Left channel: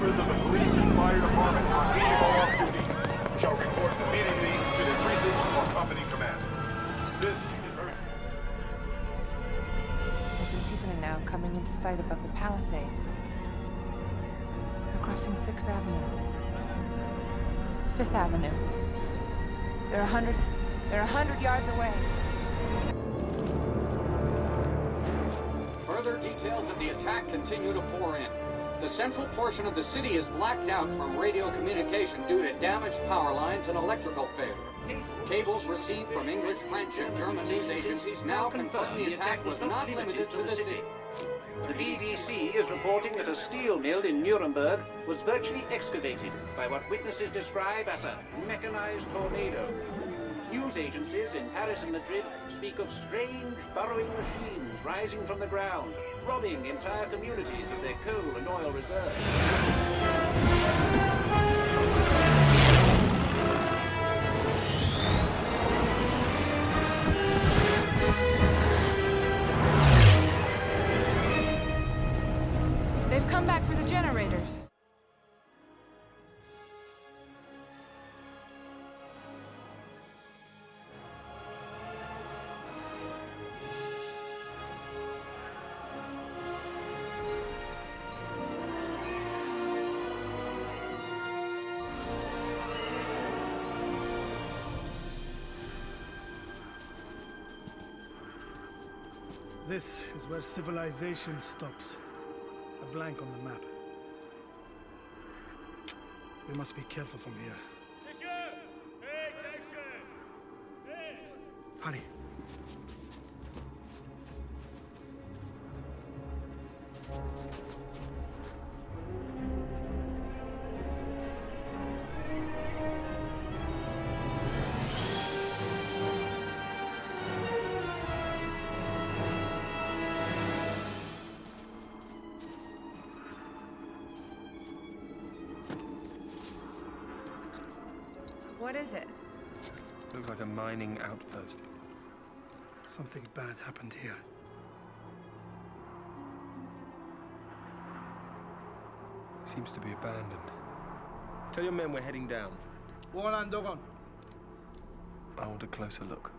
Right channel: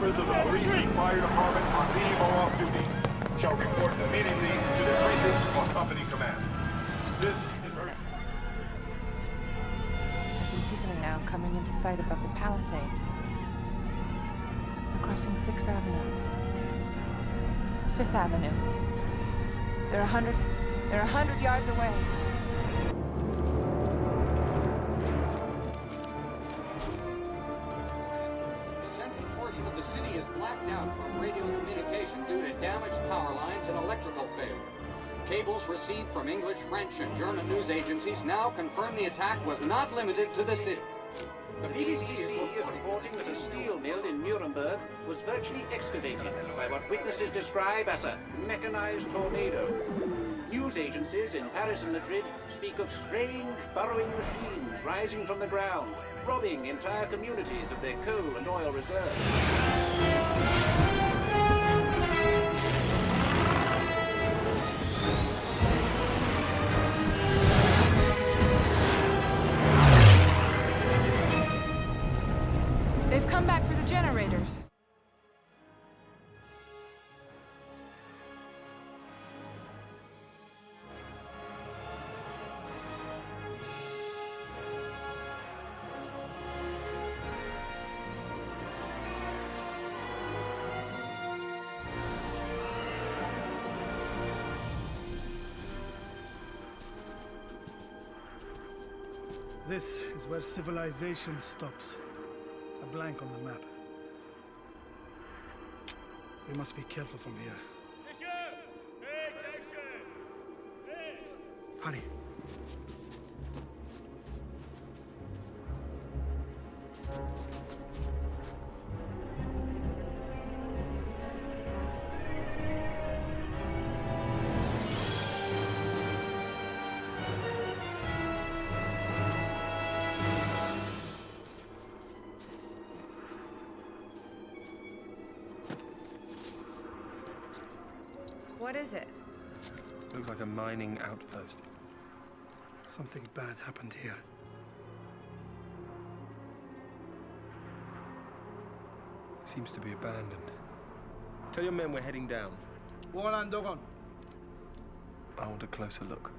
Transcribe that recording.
members of the police and fire department on leave or off duty shall report immediately to their precinct or company command. This is urgent. I can see something now coming into sight above the Palisades. They're crossing 6th Avenue. 5th Avenue. They're 100 yards away. Further details of the attack continue to pour in. The central portion of the city is blacked out from radio communication due to damaged power lines and electrical failure. Cables received from English, French, and German news agencies now confirm the attack was not limited to the city. The BBC is reporting that a steel mill in Nuremberg was virtually excavated by what witnesses describe as a mechanized tornado. News agencies in Paris and Madrid speak of strange burrowing machines rising from the ground, robbing entire communities of their coal and oil reserves. They've come back for the generators. This is where civilization stops. A blank on the map. We must be careful from here. Hurry. What is it? Looks like a mining outpost. Something bad happened here. Seems to be abandoned. Tell your men we're heading down. Dogon. I want a closer look.